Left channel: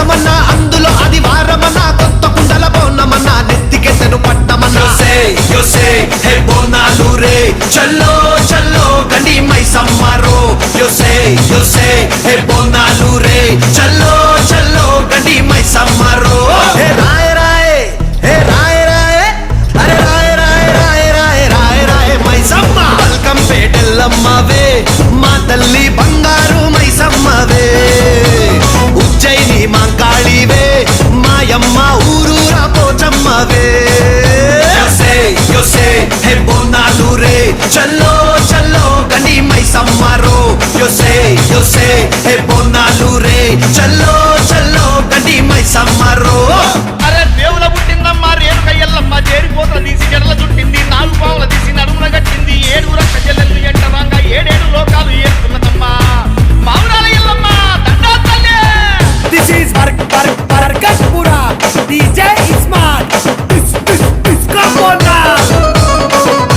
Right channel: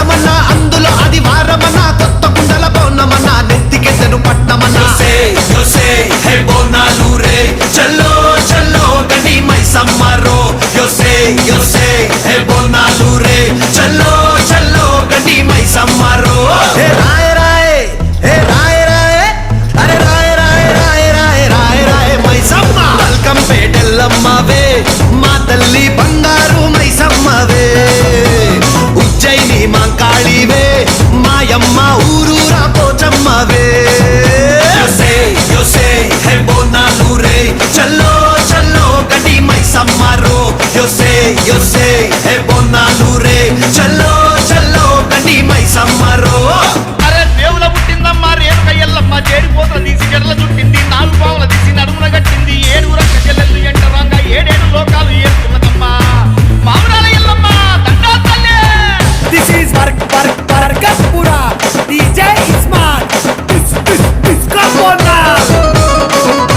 మాసమన్నా అందులో అది వారమన్నా కొత్త కుండల పౌర్ణమన్నా నెత్తికెత్తెను పట్నమన్నా చల్లో చల్లో గని మైసమ్మరో బోనాలు రే చల్లో చల్లో గని మైసమ్మరో హే రాయ రాయ హే రాయ రాయ అరే రాయ రాయ రాయ రాయ రాయ రాయ మైసమ్మ వెల్కమ్ పేటెల్లమ్మవే మా తల్లి బంగారు మైసమ్మవే ఉజ్జయిని మాంకాళివే మాయమ్మ ఊరూరా పోచమ్మవే చల్లో చల్లో గని మైసమ్మరో బోనాలు రే చల్లో చల్లో గని మైసమ్మరో అరే దేవుల పుట్టిందమ్మా రేణుక ఎల్లమ్మ చేరిపోతల తీసి జడల చుట్టింది 4 పావుల తీసి నడుమున కట్టింది 7 రక్క చెల్లెళ్ళు ఎంటరాంగా 7 లోకాలు ఏరుతున్నదమ్మా మావురాల ఎల్లమ్మ దండా తల్లి. This is Barkatpura. DJ Ismail. This come on now.